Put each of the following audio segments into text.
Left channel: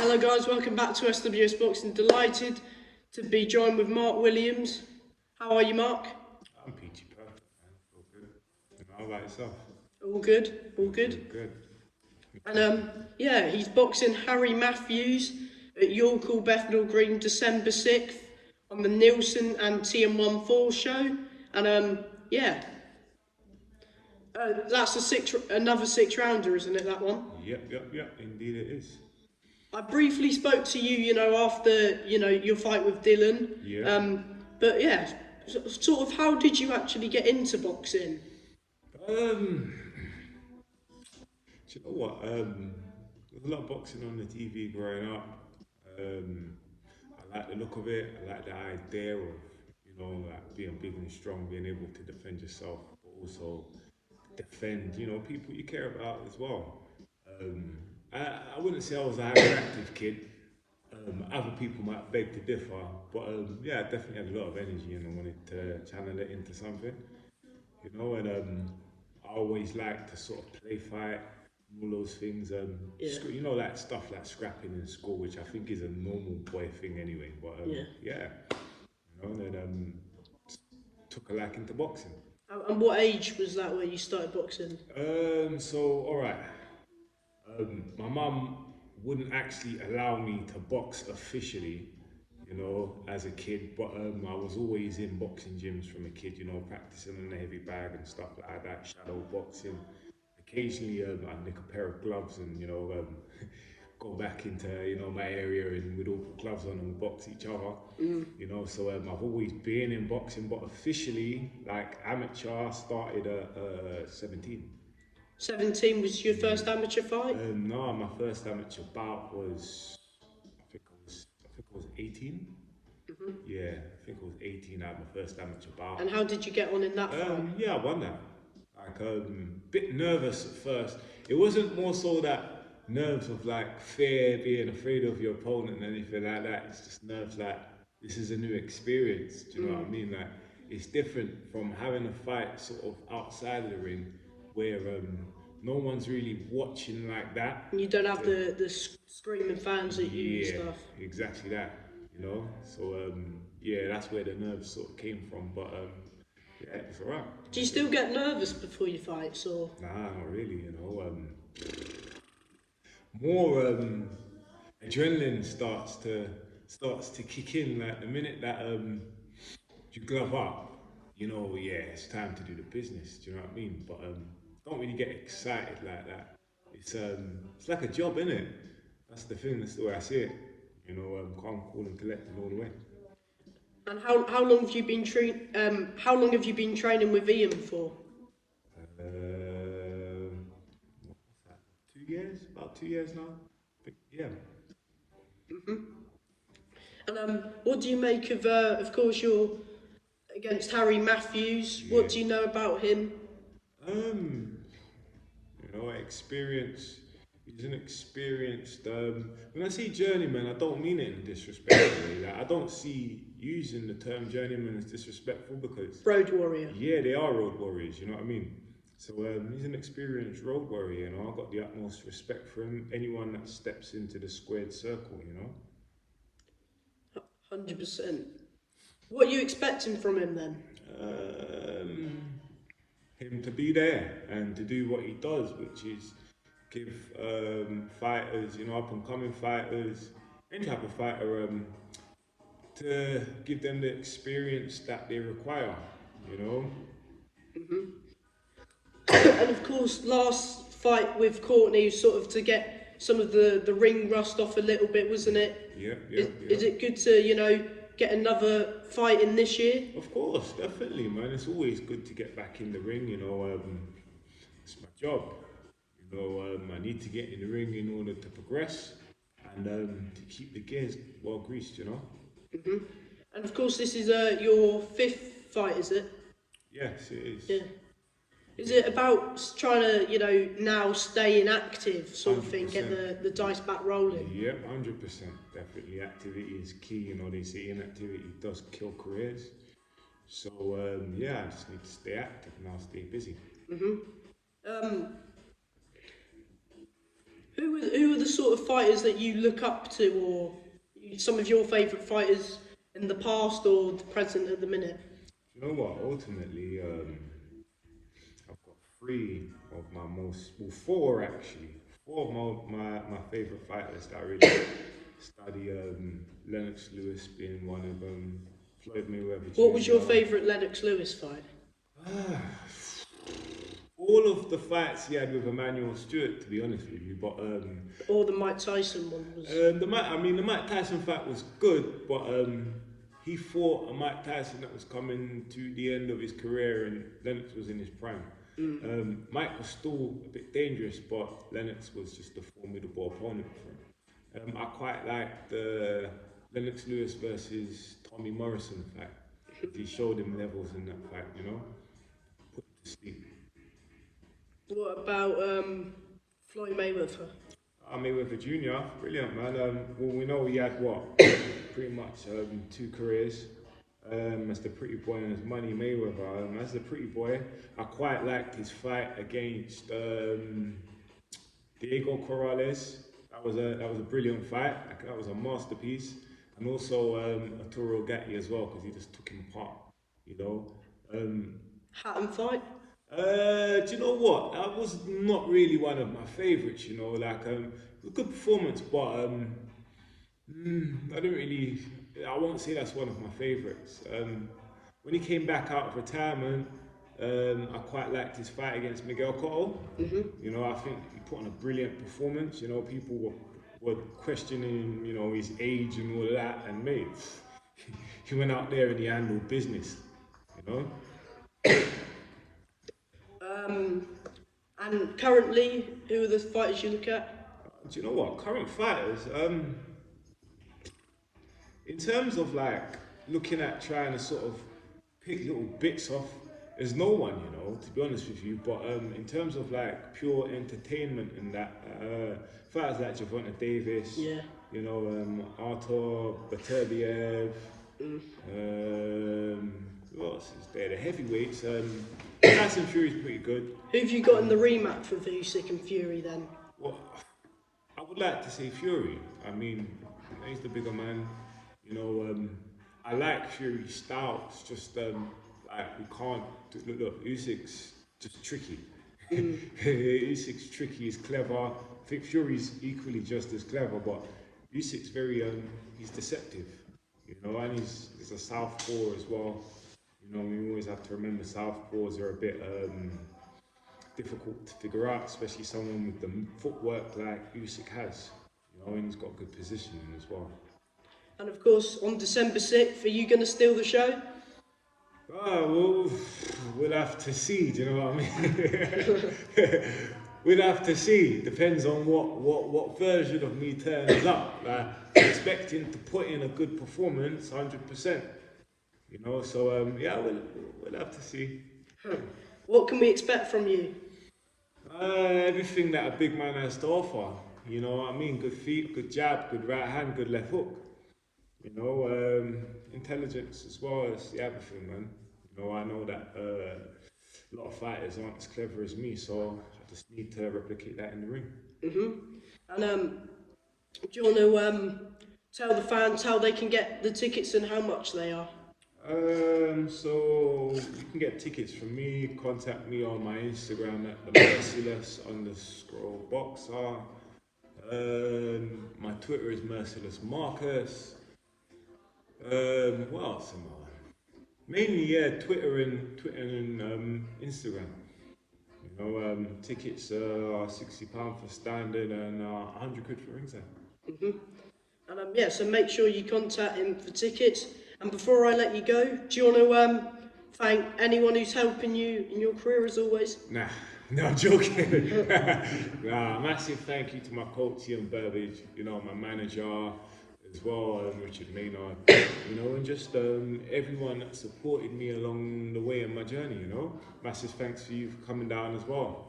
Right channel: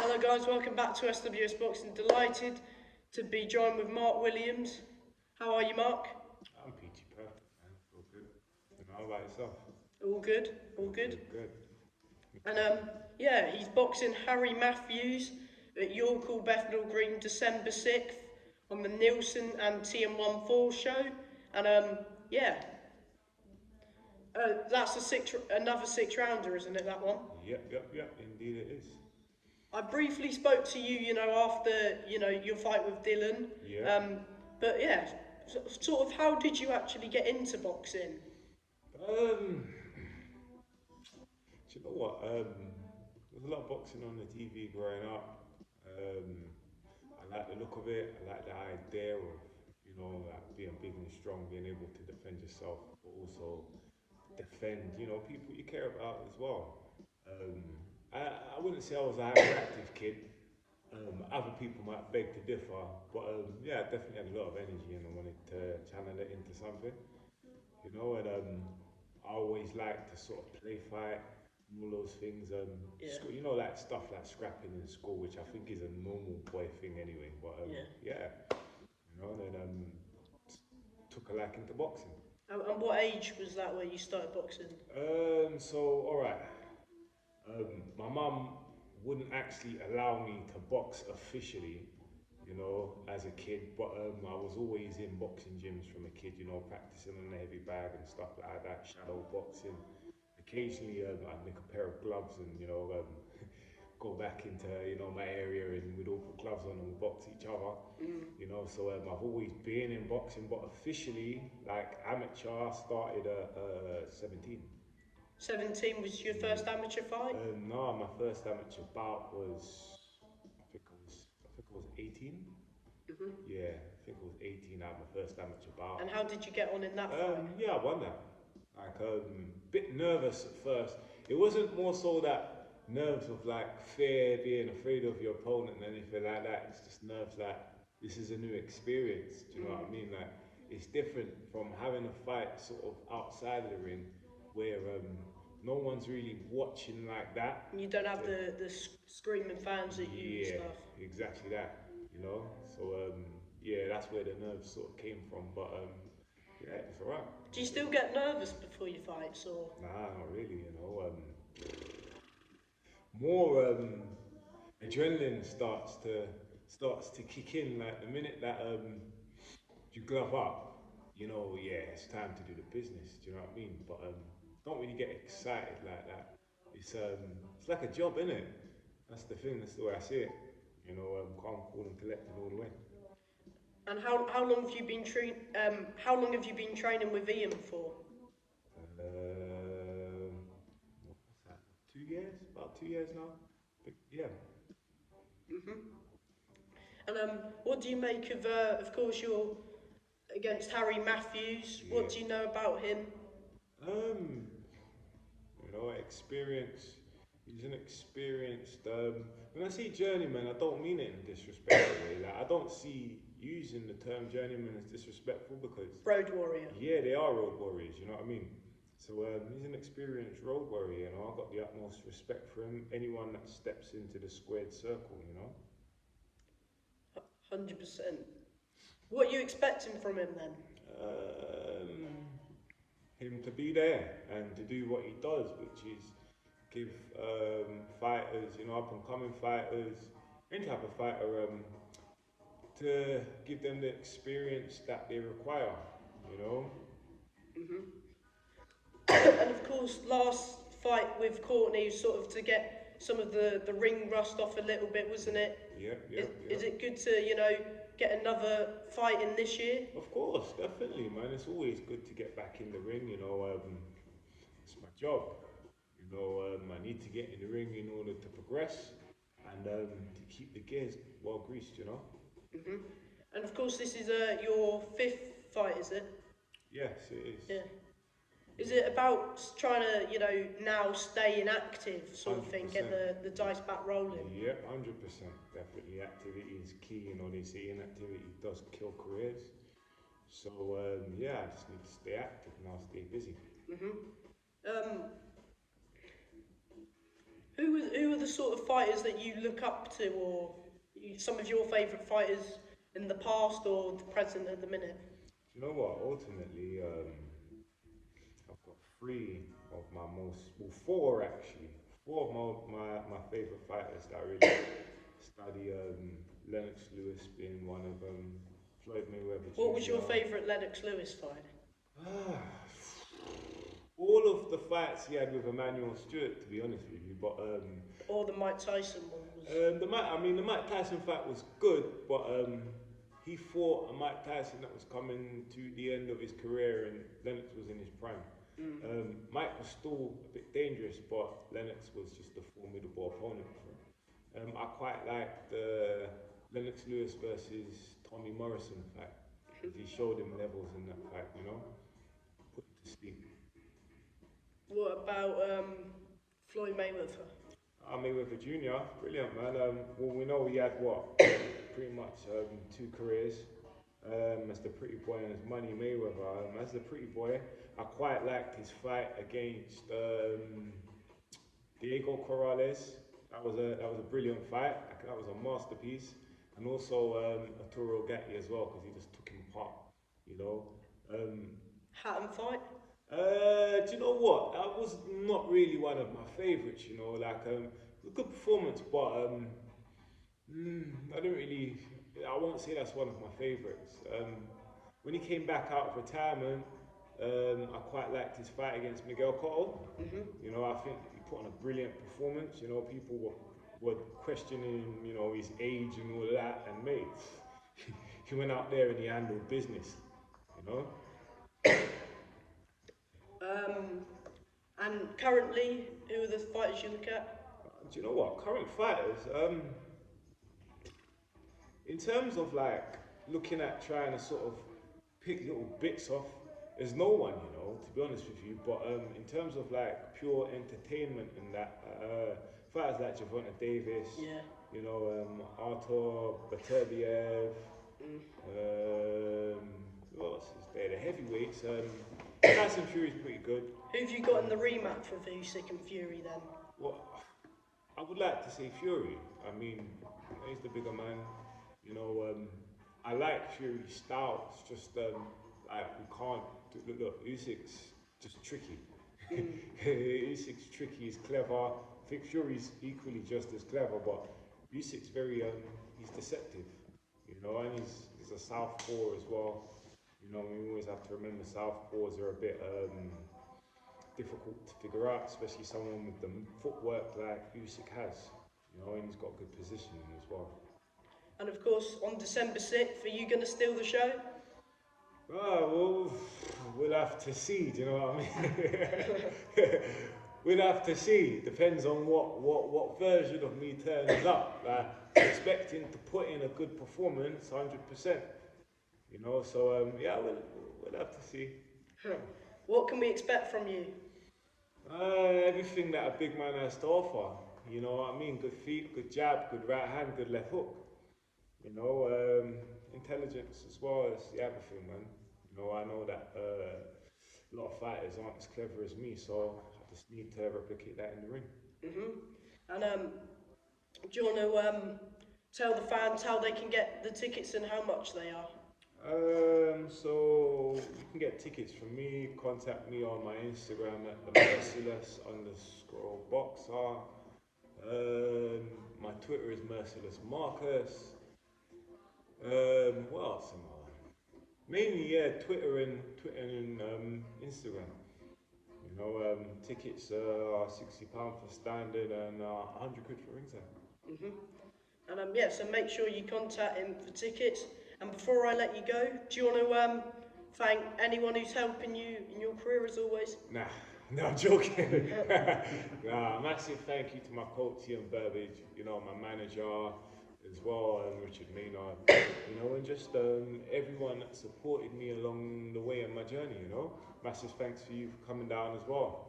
Hello guys, welcome back to SWS Boxing. Delighted to be joined with Mark Williams. How are you, Mark? I'm peachy perfect. All good. How about yourself? All good, all good. Good. And yeah, he's boxing Harry Matthews at York Hall Dec Green, December 6th on the Nielsen and TM14 show. And yeah, that's another six rounder, isn't it? That one. Yep. Indeed, it is. I briefly spoke to you, after your fight with Dylan. Yeah. But yeah, sort of, how did you actually get into boxing? Do you know what? There was a lot of boxing on the TV growing up. I like the look of it. I like the idea of, like being big and strong, being able to defend yourself, but also defend, people you care about as well. Um, I wouldn't say I was a hyperactive kid. Other people might beg to differ, but yeah, I definitely had a lot of energy and I wanted to channel it into something, and I always liked to sort of play fight, all those things. Yeah. Like stuff like scrapping in school, which I think is a normal boy thing anyway. But yeah, and then took a liking to boxing. And what age was that when you started boxing? So all right. My mum wouldn't actually allow me to box officially, as a kid, but I was always in boxing gyms from a kid, practicing on the heavy bag and stuff like that, shadow boxing. Occasionally, I'd nick a pair of gloves and, go back into, my area and we'd all put gloves on and box each other, So I've always been in boxing, but officially, like amateur, I started at 17. 17 was your first amateur fight? No, my first amateur bout was, I think it was 18. Yeah, I think it was 18 out of my first amateur bout. And how did you get on in that fight? Yeah, I won that. Like, bit nervous at first. It wasn't more so that nerves of like fear, being afraid of your opponent and anything like that. It's just nerves like, this is a new experience. Do you know what I mean? Like, it's different from having a fight sort of outside of the ring where no one's really watching like that. And you don't have the screaming fans at you and stuff. Exactly that, So yeah, that's where the nerves sort of came from. But yeah, it's alright. Do you still get nervous before your fights, or? Nah, not really. More adrenaline starts to kick in. Like the minute that you glove up, yeah, it's time to do the business. Do you know what I mean? But don't really get excited like that. It's like a job, innit? That's the thing. That's the way I see it. Calm, cool, and collected all the way. And how long have you been how long have you been training with Ian for? What's that? 2 years? About 2 years now. But yeah. And what do you make of course, you're against Harry Matthews. Yeah. What do you know about him? Experience. He's an experienced. When I say journeyman, I don't mean it in a disrespectful way. Like, I don't see using the term journeyman as disrespectful because road warrior. Yeah, they are road warriors. You know what I mean? So he's an experienced road warrior. I've got the utmost respect for him. Anyone that steps into the squared circle, 100%. What are you expecting from him then? Him to be there and to do what he does, which is give fighters, up and coming fighters, any type of fighter, to give them the experience that they require, And of course, last fight with Courtney was sort of to get some of the ring rust off a little bit, wasn't it? Yeah. Is it good to, get another fight in this year? Of course, definitely, man. It's always good to get back in the ring, it's my job. I need to get in the ring in order to progress and to keep the gears well greased, And of course, this is your 5th fight, is it? Yes, it is. Yeah. Is it about trying to, now staying active sort of thing, 100%. get the dice back rolling? Yep, 100%. Definitely, activity is key. They say inactivity does kill careers. So yeah, I just need to stay active and I'll stay busy. Who are the sort of fighters that you look up to, or some of your favourite fighters in the past or the present at the minute? You know what? Ultimately, I've got three of my most, well, four actually. Four of my favourite fighters that I really study. Lennox Lewis being one of them. Floyd Mayweather What was your Jr. favourite Lennox Lewis fight? Ah, all of the fights he had with Emmanuel Stewart, to be honest with you, but Or the Mike Tyson one was? the Mike Tyson fight was good, but he fought a Mike Tyson that was coming to the end of his career, and Lennox was in his prime. Mike was still a bit dangerous, but Lennox was just a formidable opponent for him. I quite like the Lennox Lewis versus Tommy Morrison fight. He showed him levels in that fight, you know, put to sleep. What about Floyd Mayweather? Mayweather Jr., brilliant man. Well, we know he had what, pretty much two careers. As the pretty boy and as Money Mayweather. As the pretty boy, I quite liked his fight against Diego Corrales. That was a brilliant fight. That was a masterpiece. And also Arturo Gatti as well, because he just took him apart. You know. Hatton fight? Do you know what? That was not really one of my favourites. You know, like it was a good performance, but I don't really. I won't say that's one of my favourites. When he came back out of retirement, I quite liked his fight against Miguel Cotto. You know, I think he put on a brilliant performance. You know, people were questioning, you know, his age and all of that, and mate, he went out there and he handled business. You know. And currently, who are the fighters you look at? Do you know what? Current fighters, in terms of like looking at trying to sort of pick little bits off, there's no one, you know, to be honest with you. But in terms of like pure entertainment and that, fighters like Javante Davis, Yeah. you know, Artur Beterbiev, who else is there? The heavyweights. Tyson Fury's pretty good. Who have you got in the rematch with Usyk and Fury then? Well, I would like to say Fury. I mean, he's the bigger man. You know, I like Fury's style. It's just like we can't look. Usyk's just tricky. Usyk's tricky. He's clever. I think Fury's equally just as clever, but Usyk's very he's deceptive. You know, and he's a southpaw as well. You know, we always have to remember southpaws are a bit difficult to figure out, especially someone with the footwork like Usyk has. You know, and he's got good positioning as well. And of course, on December 6th, are you going to steal the show? Well, we'll have to see. Do you know what I mean? We'll have to see. Depends on what version of me turns up. I'm expecting to put in a good performance, 100%. You know, so yeah, we'll have to see. What can we expect from you? Everything that a big man has to offer. You know what I mean? Good feet, good jab, good right hand, good left hook. You know, intelligence as well as everything, man. You know, I know that a lot of fighters aren't as clever as me, so I just need to replicate that in the ring. And do you want to tell the fans how they can get the tickets and how much they are? So you can get tickets from me. Contact me on my Instagram at the merciless_boxer. My Twitter is mercilessmarcus. What else am I on? Mainly, yeah, Twitter and Instagram. You know, tickets are £60 for standing and £100 for ringside. And yeah, so make sure you contact him for tickets. And before I let you go, do you want to thank anyone who's helping you in your career as always? Nah, no, I'm joking. Massive thank you to my coach Ian Burbage, you know, my manager as well, Richard Maynard, you know, and just everyone that supported me along the way in my journey, you know. Massive thanks for you for coming down as well.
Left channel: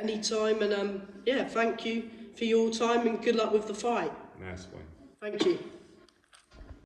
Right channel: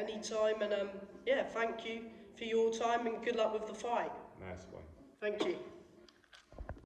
Anytime, and yeah, thank you for your time and good luck with the fight. Nice one. Thank you.